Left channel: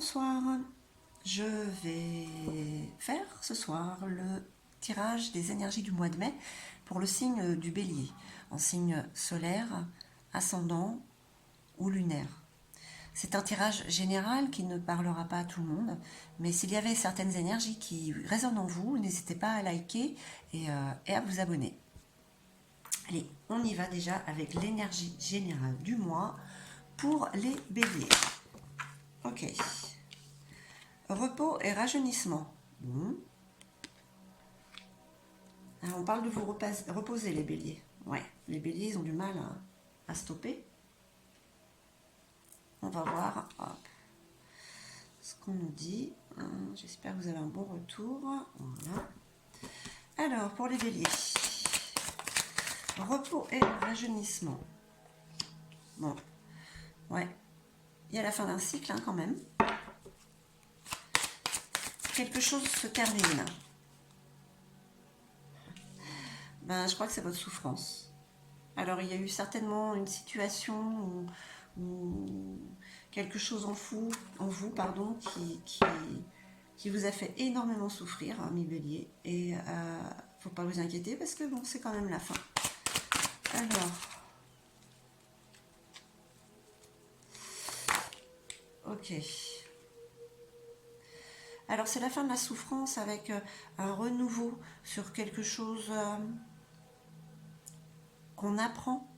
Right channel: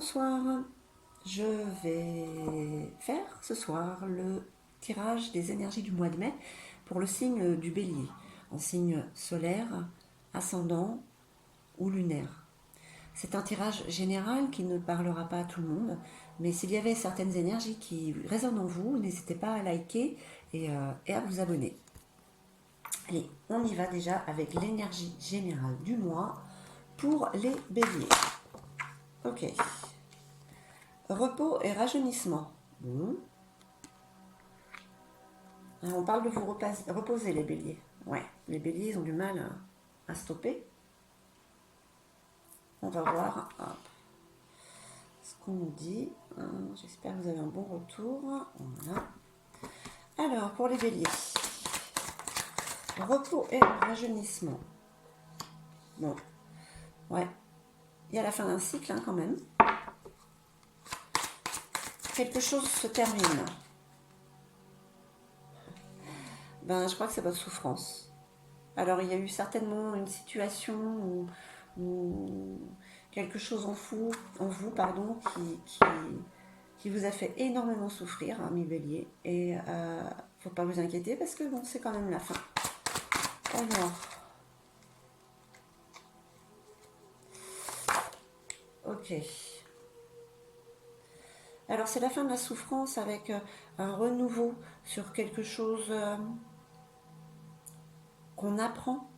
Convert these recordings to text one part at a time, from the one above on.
Bonsoir, je vais faire ce soir le tirage des énergies du mois de mai pour le signe du Bélier, en signe solaire, ascendant ou lunaire. C'est un tirage général qui ne parlera pas à tout le monde, mais s'il y avait certaines énergies qui résonnent en vous, n'hésitez pas à liker et à vous abonner. Allez, on y va déjà avec l'énergie générale du mois pour les béliers. Ok. Repos et rajeunissement. Bon. Alors, on parle de vous reposer, les béliers. Ouais, les béliers, ils ont du mal à stopper. On va voir ce qu'on nous dit. J'espère que vous avez un bon retour. Voilà. Alors, pour les béliers. Repos et rajeunissement. Bon. Ouais. Il y a la fin d'un cycle, quand même. Quelque chose se termine. Je crois que c'est votre souffrance. Alors, il y a eu certainement une situation où quelque chose en vous, qui vous a fait énormément souffrir, mi bélier. Et faut pas vous inquiéter parce que bon, c'est quand même la fin. Alors, ok. Alors, c'est la fin de la souffrance avec un renouveau sur quelque chose qu'on apprend.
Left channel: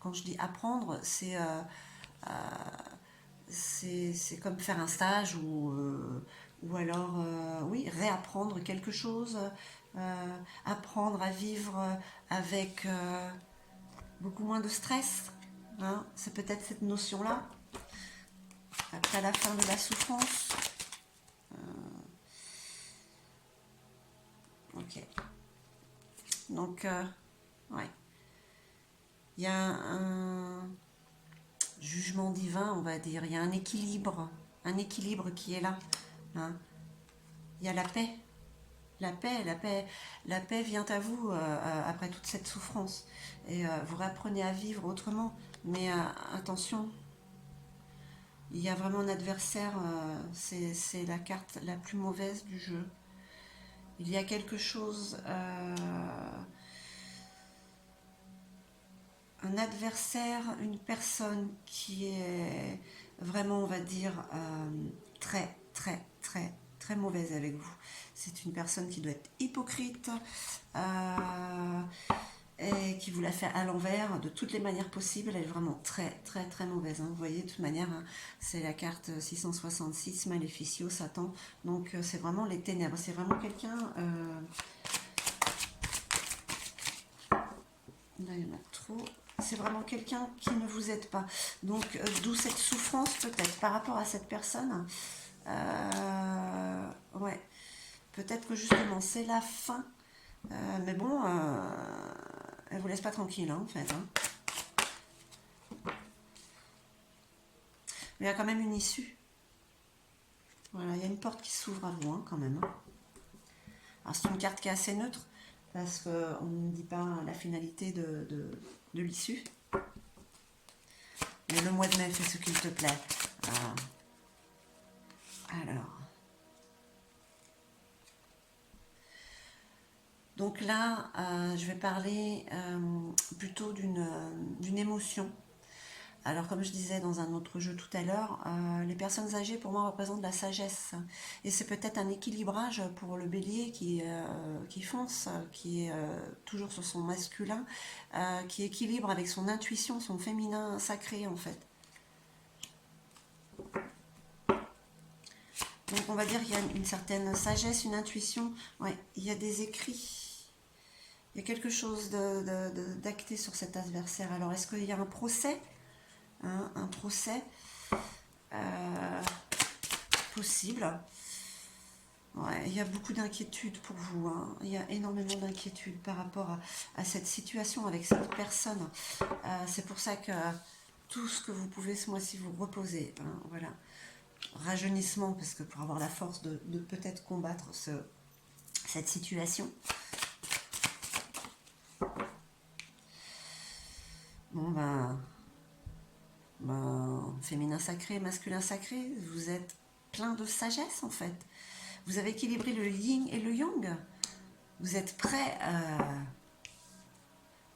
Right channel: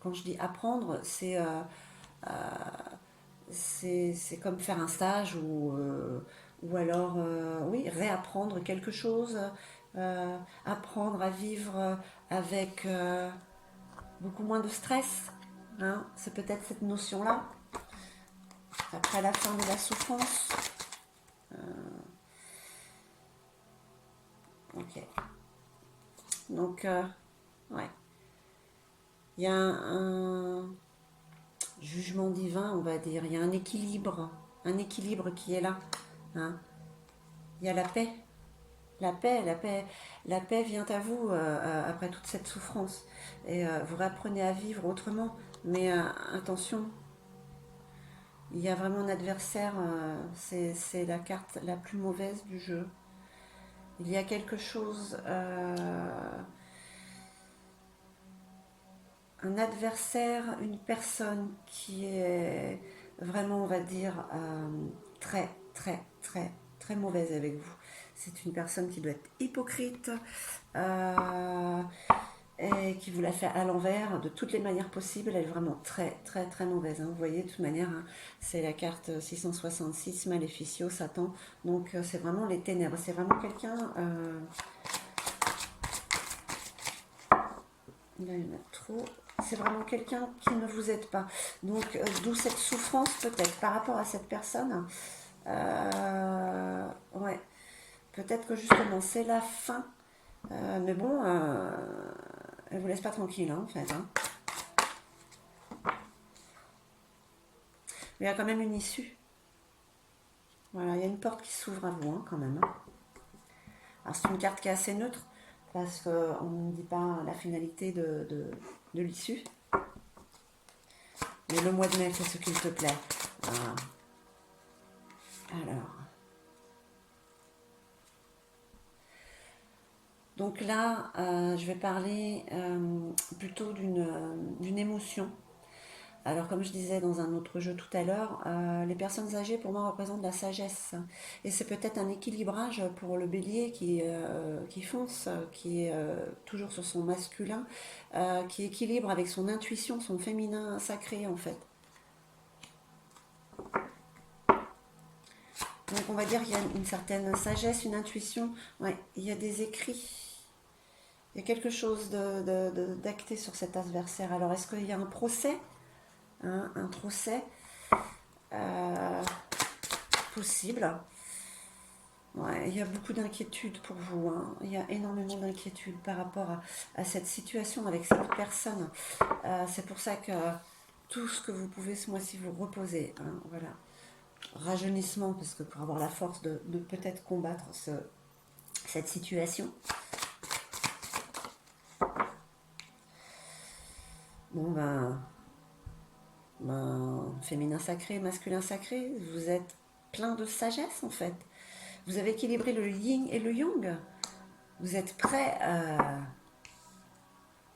Quand je dis apprendre, c'est comme faire un stage ou alors, oui, réapprendre quelque chose, apprendre à vivre avec beaucoup moins de stress. Hein, c'est peut-être cette notion-là. Après la fin de la souffrance. Ok. Donc, ouais. Il y a un jugement divin, on va dire. Il y a un équilibre qui est là. Hein. Il y a la paix. La paix vient à vous après toute cette souffrance. Et vous réapprenez à vivre autrement. Mais attention, il y a vraiment un adversaire, c'est la carte la plus mauvaise du jeu. Il y a quelque chose, un adversaire, une personne qui est vraiment, on va dire, très, très, très, très mauvaise avec vous. C'est une personne qui doit être hypocrite et qui vous la fait à l'envers de toutes les manières possibles. Elle est vraiment très, très, très mauvaise. Hein. Vous voyez, de toute manière, hein, c'est la carte 666, Maleficio, Satan. Donc, c'est vraiment les ténèbres. C'est vraiment quelqu'un... trop... C'est vraiment quelqu'un qui ne vous aide pas. Donc, d'où cette souffrance peut-être par rapport à cette personne. Ouais. Peut-être que justement, c'est la fin. Mais bon, elle vous laisse pas tranquille, hein, en fait. Hein. Mais il y a quand même une issue. Voilà, il y a une porte qui s'ouvre à vous, hein, quand même. Hein. Alors, c'est une carte qui est assez neutre, parce qu'on ne dit pas la finalité de l'issue. Mais le mois de mai, fais ce qu'il te plaît. Voilà. Alors. Donc là, je vais parler plutôt d'une émotion. Alors, comme je disais dans un autre jeu tout à l'heure, les personnes âgées, pour moi, représentent la sagesse. Et c'est peut-être un équilibrage pour le bélier qui fonce, qui est toujours sur son masculin, qui équilibre avec son intuition, son féminin sacré, en fait. Donc, on va dire qu'il y a une certaine sagesse, une intuition. Ouais, il y a des écrits. Il y a quelque chose d'acté sur cet adversaire. Alors, est-ce qu'il y a un procès? Hein, un procès possible. Ouais, il y a beaucoup d'inquiétudes pour vous. Hein. Il y a énormément d'inquiétudes par rapport à cette situation avec cette personne. C'est pour ça que tout ce que vous pouvez ce mois-ci vous reposer. Hein, voilà. Rajeunissement, parce que pour avoir la force de peut-être combattre cette situation. Bon Ben, féminin sacré, masculin sacré, vous êtes plein de sagesse en fait. Vous avez équilibré le yin et le yang. Vous êtes prêt à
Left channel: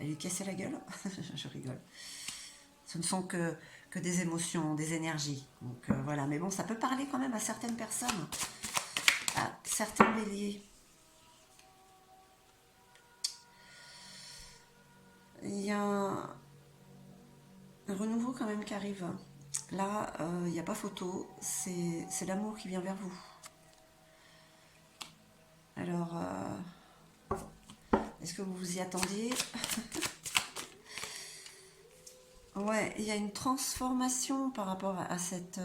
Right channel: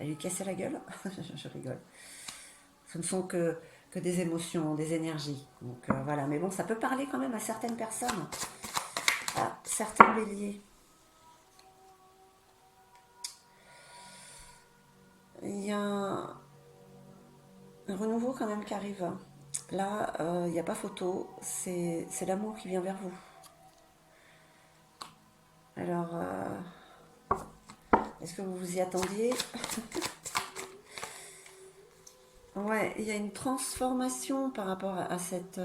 lui casser la gueule. Je rigole. Ce ne sont que des émotions, des énergies. Donc voilà, mais bon, ça peut parler quand même à certaines personnes, à certains béliers. Il y a un renouveau quand même qui arrive. Là, il n'y a pas photo, c'est l'amour qui vient vers vous. Alors, est-ce que vous vous y attendiez? Ouais, il y a une transformation par rapport à cet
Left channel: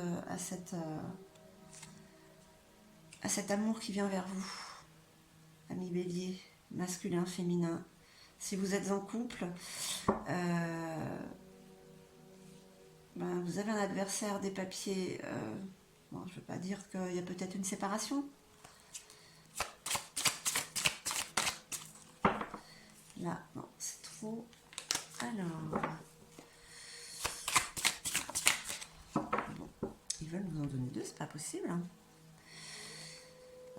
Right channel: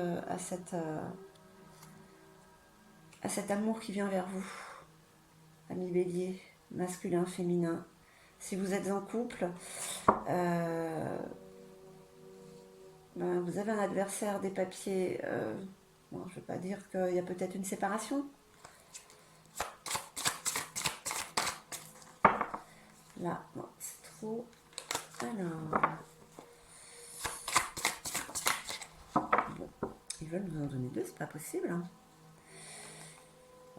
amour qui vient vers vous, ami bélier, masculin, féminin. Si vous êtes en couple, ben, vous avez un adversaire, des papiers. Bon, je ne veux pas dire qu'il y a peut-être une séparation. Là, non, c'est trop. Alors. Bon, ils veulent vous en donner deux, c'est pas possible. Hein.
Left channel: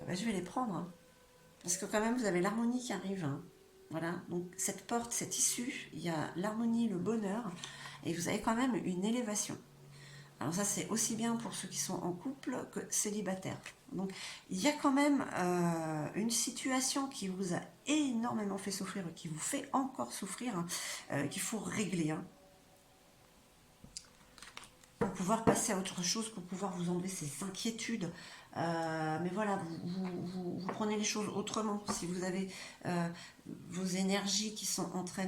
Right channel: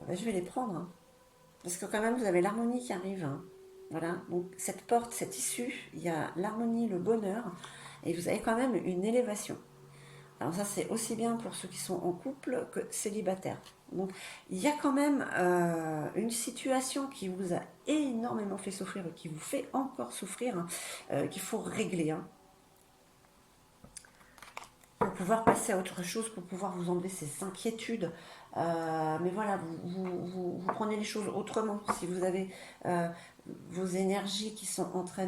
Ben, je vais les prendre. Hein. Parce que quand même, vous avez l'harmonie qui arrive. Hein. Voilà, donc cette porte, cette issue, il y a l'harmonie, le bonheur, et vous avez quand même une élévation. Alors ça, c'est aussi bien pour ceux qui sont en couple que célibataires. Donc, il y a quand même une situation qui vous a énormément fait souffrir et qui vous fait encore souffrir, qu'il faut régler. Hein, pour pouvoir passer à autre chose, pour pouvoir vous enlever ces inquiétudes. Mais voilà, vous prenez les choses autrement. Si vous avez vos énergies qui sont en train,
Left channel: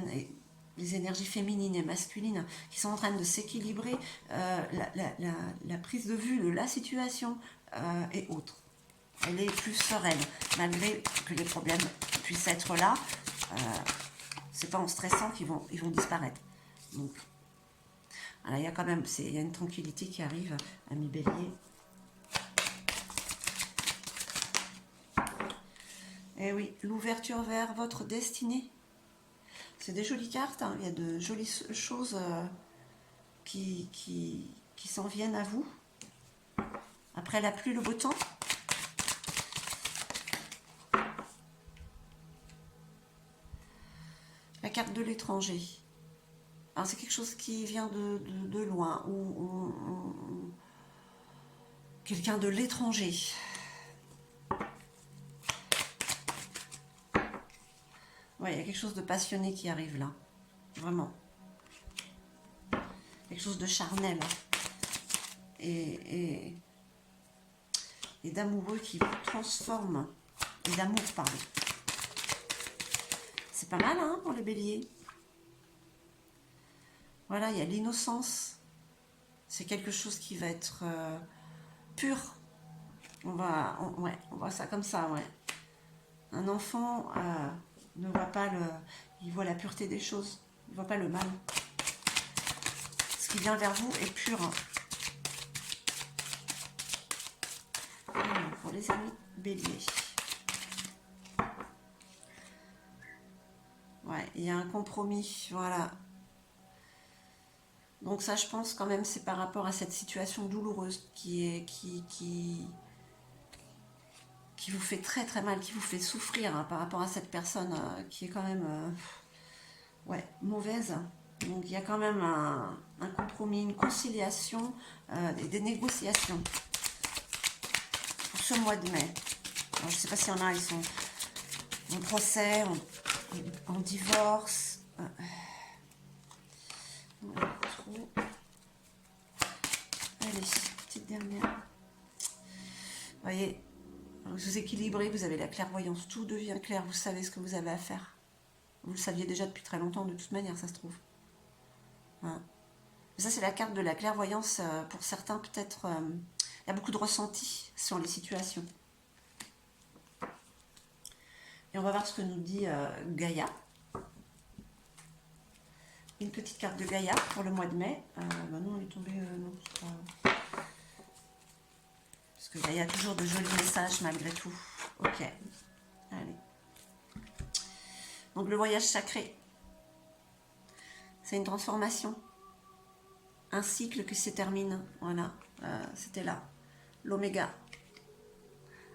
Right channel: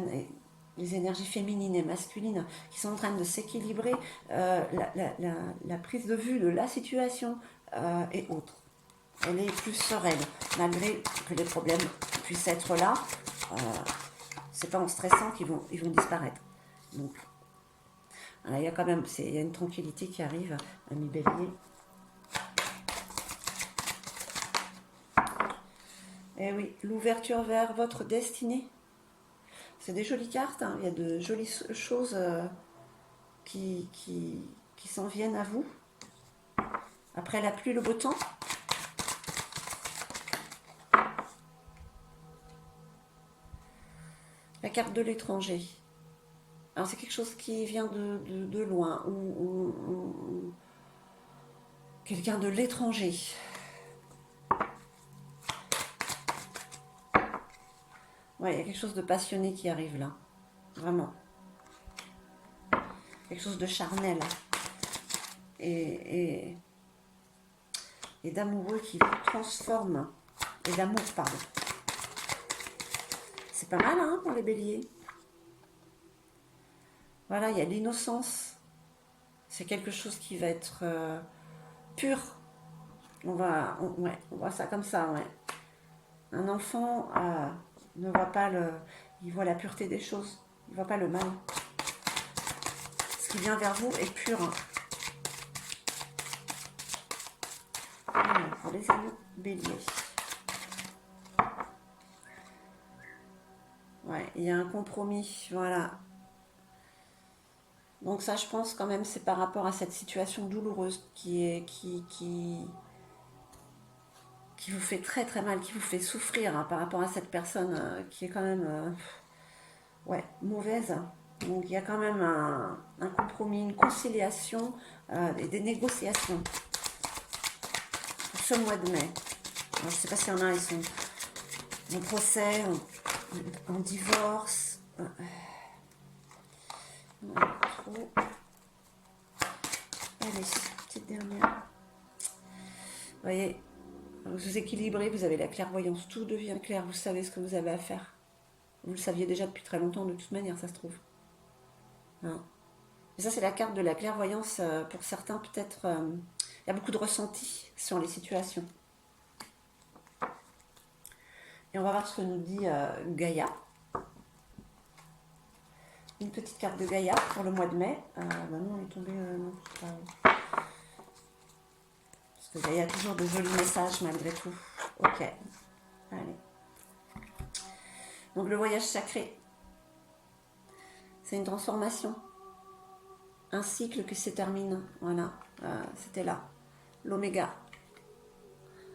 les énergies féminines et masculines qui sont en train de s'équilibrer, la prise de vue de la situation est autre. Elle est plus sereine, malgré que les problèmes puissent être là. C'est pas en stressant qu'ils vont disparaître. Donc, voilà, il y a quand même, il y a une tranquillité qui arrive, ami bélier. Et oui, l'ouverture vers votre destinée. C'est des jolies cartes, hein. Il y a de jolies choses qui s'en viennent à vous. Après la pluie, le beau temps. La carte de l'étranger. Alors c'est quelque chose qui vient de loin, ou quelqu'un de l'étranger. Ouais, il y a quelque chose de passionné qui arrive là. Vraiment. Quelque chose de charnel. Et d'amoureux qui vous transforme. Et d'amour, pardon. C'est pas mal, hein, pour les béliers. Voilà, il y a l'innocence. C'est quelque chose qui va être pur. On voit ça comme ça, ouais. Un enfant ne voit pas il voit la pureté des choses. Il ne voit pas le mal. Ce qui vient vers vous est pur. Alors, pour les amis béliers. Ouais, il y a un compromis, voilà. Donc ça, je pense quand même, c'est par rapport à cette situation douloureuse qui vous fait très très mal, qui vous fait souffrir hein, par rapport à cette personne qui est quand même ouais, mauvaise. Donc il y a quand même un compromis, une conciliation et des négociations pour ce mois de mai. Alors, je ne sais pas s'il y en a, ils sont en procès, en divorce. Trop. Allez, petite dernière. Vous voyez, vous équilibrez, vous avez la clairvoyance, tout devient clair, vous savez ce que vous avez à faire. Vous le saviez déjà depuis très longtemps, de toute manière, ça se trouve. Hein. Ça, c'est la carte de la clairvoyance. Pour certains, peut-être, il y a beaucoup de ressenti sur les situations. Et on va voir ce que nous dit Gaïa. Une petite carte de Gaïa pour le mois de mai. Non, on est tombé... parce que Gaïa a toujours de jolis messages malgré tout. Ok. Allez. Donc le voyage sacré. C'est une transformation. un cycle qui se termine. Voilà, c'était là. L'oméga.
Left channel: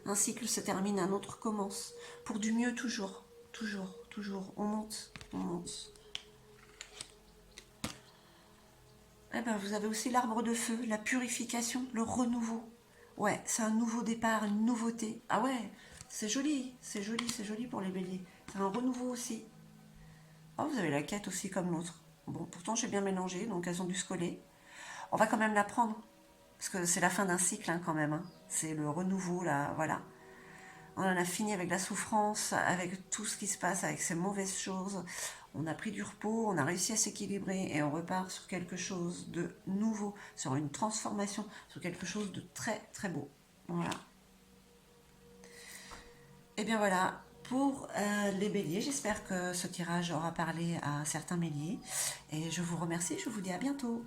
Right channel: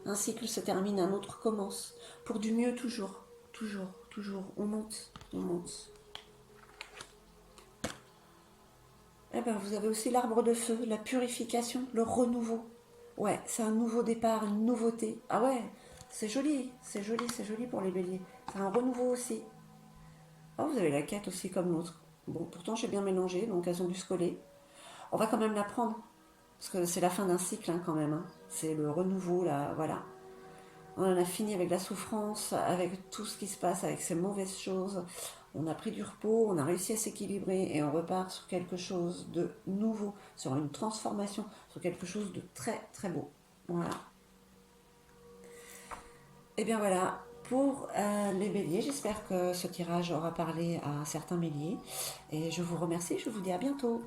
Un cycle se termine, un autre commence. Pour du mieux toujours. Toujours, toujours. On monte, on monte. Eh ben, vous avez aussi l'arbre de feu, la purification, le renouveau. Ouais, c'est un nouveau départ, une nouveauté. Ah ouais, c'est joli, c'est joli, c'est joli pour les béliers. C'est un renouveau aussi. Oh, vous avez la quête aussi comme l'autre. Bon, pourtant j'ai bien mélangé, donc elles ont dû se coller. On va quand même la prendre, parce que c'est la fin d'un cycle hein, quand même. Hein. C'est le renouveau, là, voilà. On en a fini avec la souffrance, avec tout ce qui se passe, avec ces mauvaises choses. On a pris du repos, on a réussi à s'équilibrer et on repart sur quelque chose de nouveau, sur une transformation, sur quelque chose de très très beau. Voilà. Et bien voilà, pour les béliers, j'espère que ce tirage aura parlé à certains béliers. Et je vous remercie, je vous dis à bientôt.